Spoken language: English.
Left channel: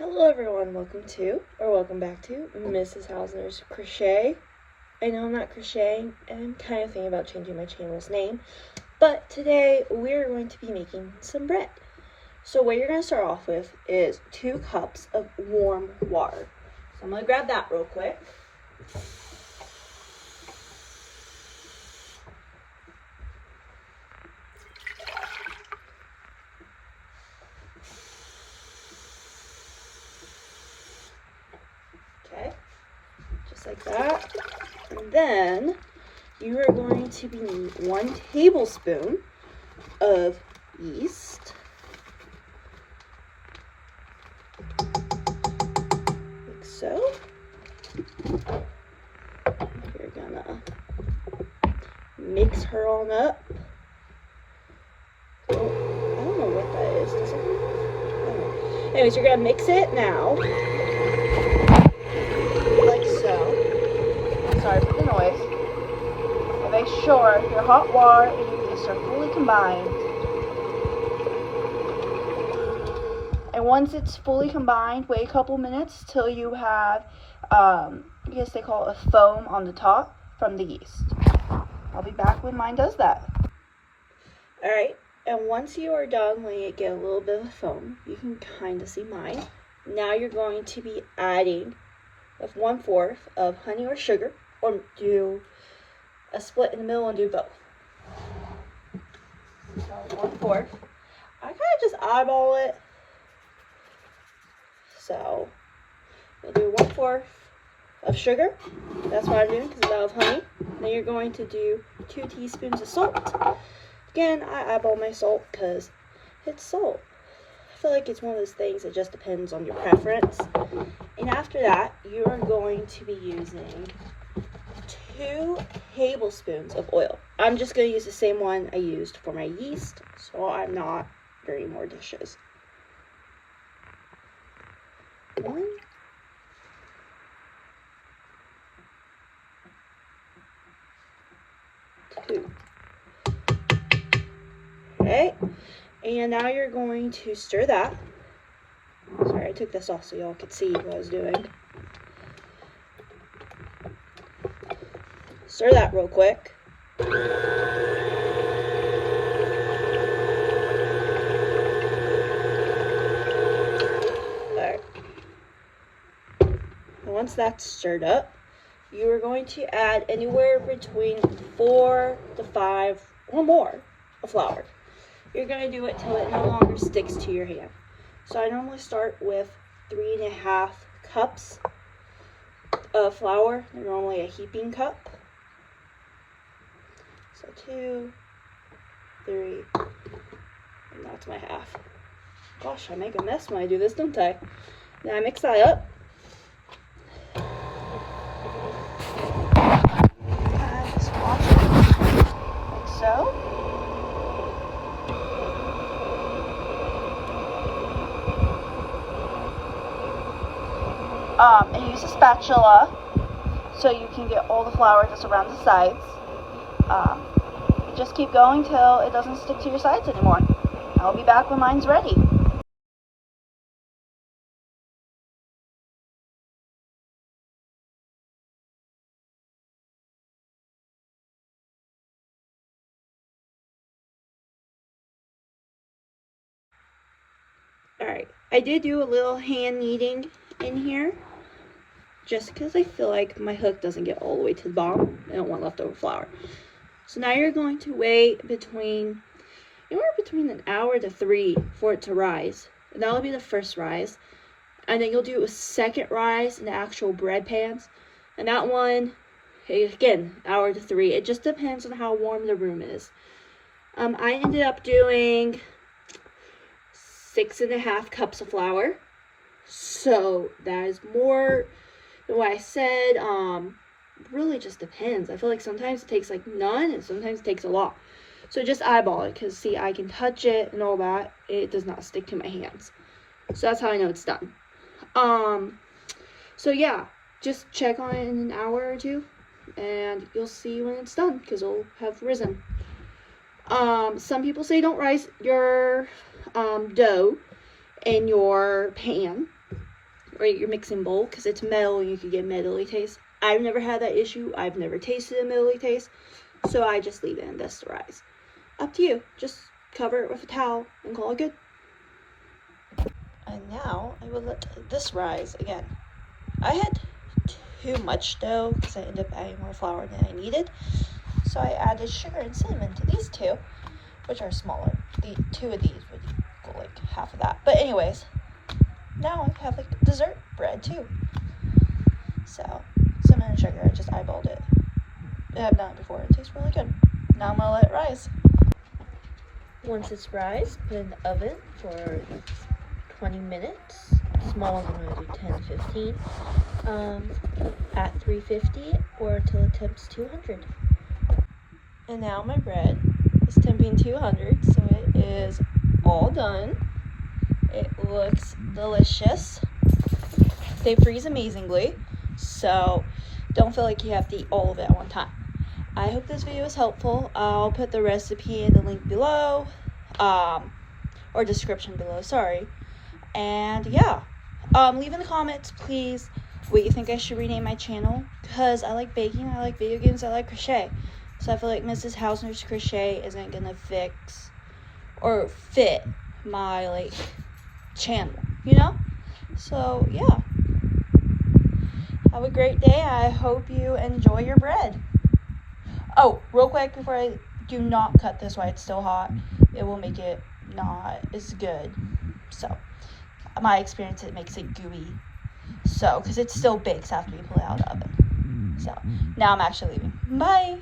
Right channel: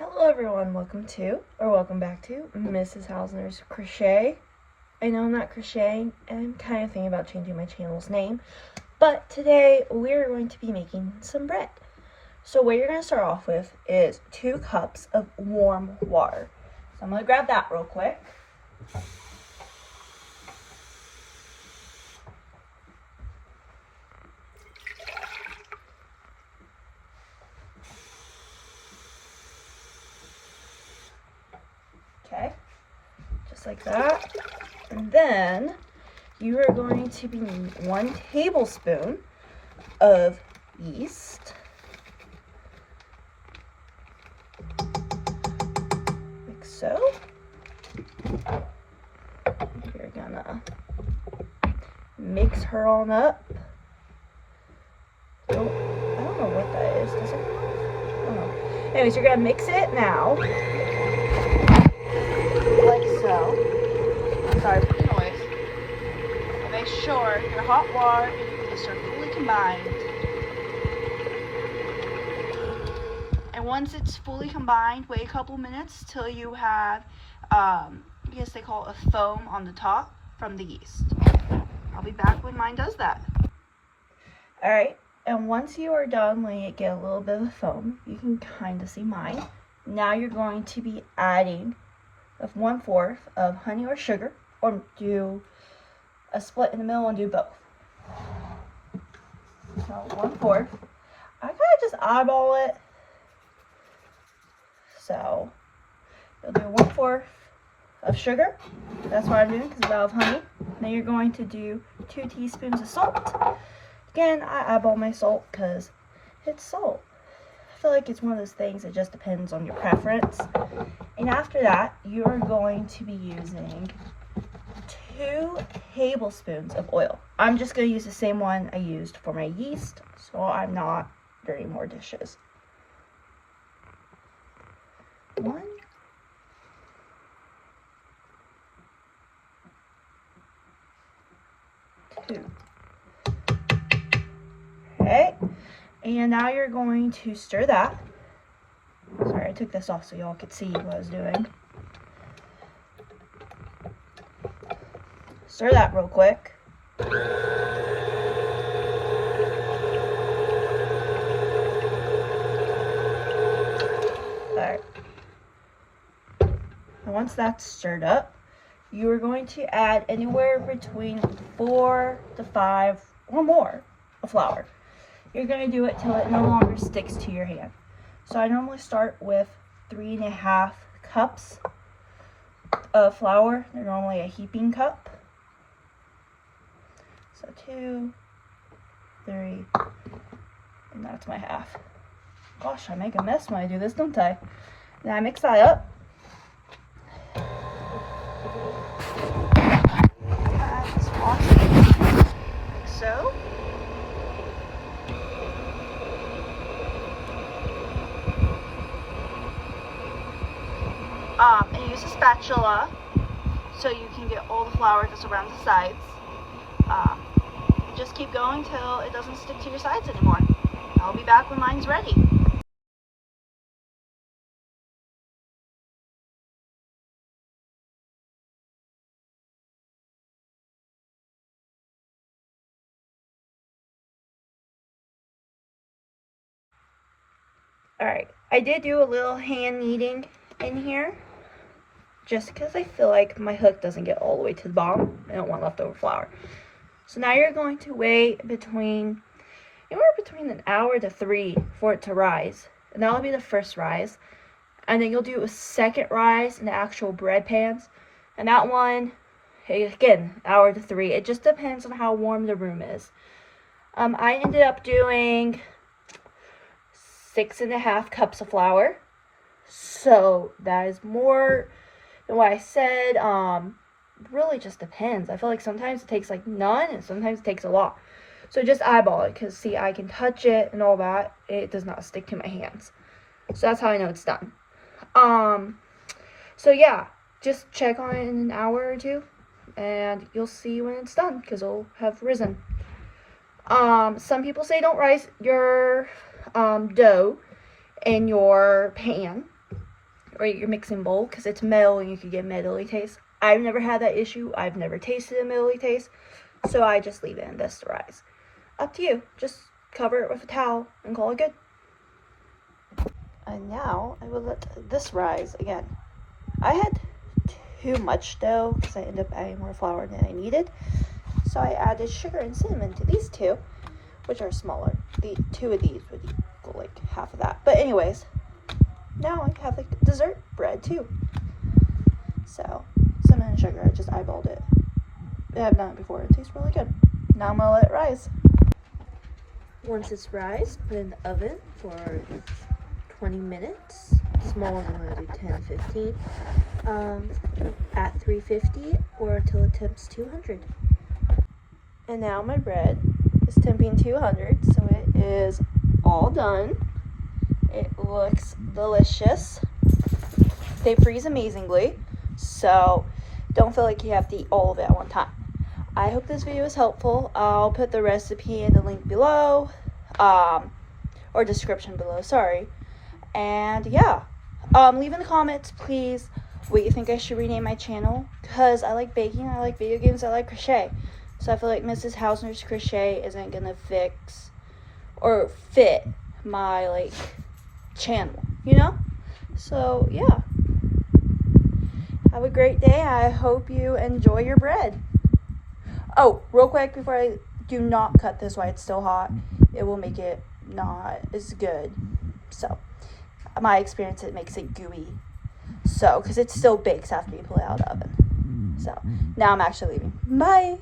Hello everyone, welcome back to Mrs. Hausner's Crochet. I know I'm not crocheting, and I'm kind of thinking about changing my channel's name, but today we're going to be making some bread. So what you're going to start off with is 2 cups of warm water. So I'm going to grab that real quick. Okay, just like that. And then you are going to be needing 1 tablespoon of yeast. Like so. You're gonna mix her on up. Oh, I don't know what that is. Does it? Oh. Anyways, you're gonna mix it now. Like so. Sorry for the noise. And make sure your hot water and your yeast are fully combined. And once it's fully combined, wait a couple minutes till you have, I guess they call it a foam on the top from the yeast. I'll be back when mine does that. Alright, and once you are done letting it get a little bit of foam, you can kind of see mine. Now you're going to be adding 1/4 of honey or sugar, or do a split in the middle and do both. So 1/4. I kind of just eyeball it. So you'll do 1/4 of sugar. That's what I'm doing because I love honey. Then you're going to do 2 teaspoons of salt. Again, I eyeball my salt because it's salt. I feel like it's one of those things that just depends on your preference. And after that, you are going to be using 2 tablespoons of oil. I'm just going to use the same one I used for my yeast, so I'm not doing more dishes. 1, 2. Okay, and now you're going to stir that. Sorry, I took this off so y'all could see what I was doing. Stir that real quick. Alright. Once that's stirred up, you are going to add anywhere between 4 to 5 or more of flour. You're going to do it till it no longer sticks to your hand. So I normally start with 3.5 cups of flour. They're normally a heaping cup. So 2, 3, and that's my half. Gosh, I make a mess when I do this, don't I? Then I mix that up. So. And use a spatula so you can get all the flour just around the sides. Just keep going till it doesn't stick to your sides anymore. I'll be back when mine's ready. Alright, I did do a little hand kneading in here, just because I feel like my hook doesn't get all the way to the bottom. I don't want leftover flour. So now you're going to wait anywhere between an hour to 3 for it to rise. And that'll be the first rise. And then you'll do a second rise in the actual bread pans. And that one, again, hour to 3. It just depends on how warm the room is. I ended up doing 6.5 cups of flour. So that is more than what I said. Really just depends. I feel like sometimes it takes like none and sometimes it takes a lot. So just eyeball it, because see, I can touch it and all that. It does not stick to my hands. So that's how I know it's done. So yeah, just check on it in an hour or 2 and you'll see when it's done because it'll have risen. Some people say don't rise your dough in your pan. or your mixing bowl, because it's metal and you can get metally taste. I've never had that issue. I've never tasted a metally taste, so I just leave it and this to rise. Up to you. Just cover it with a towel and call it good. And now I will let this rise again. I had too much dough because I ended up adding more flour than I needed, so I added sugar and cinnamon to these two, which are smaller. The two of these would equal like half of that. But anyways, now I have like dessert bread too. So cinnamon and sugar, I just eyeballed it. I've done it before. It tastes really good. Now I'm gonna let it rise. Once it's rise, put it in the oven for 20 minutes. Small ones I'm gonna do 10-15. At 350 or until it temps 200. And now my bread is temping 200, so it is all done. It looks delicious. They freeze amazingly, so don't feel like you have to eat all of it at one time. I hope this video was helpful. I'll put the recipe in the link below, or description below, sorry. And yeah, leave in the comments, please, what you think I should rename my channel, because I like baking, I like video games, I like crochet. So I feel like Mrs. Hausner's crochet isn't gonna fix or fit my like channel, you know? So yeah, have a great day. I hope you enjoy your bread. Oh, real quick before I do not cut this while it's still hot. It will make it not as good. So my experience, it makes it gooey. So because it still bakes after you pull it out of the oven. So now I'm actually leaving. Bye.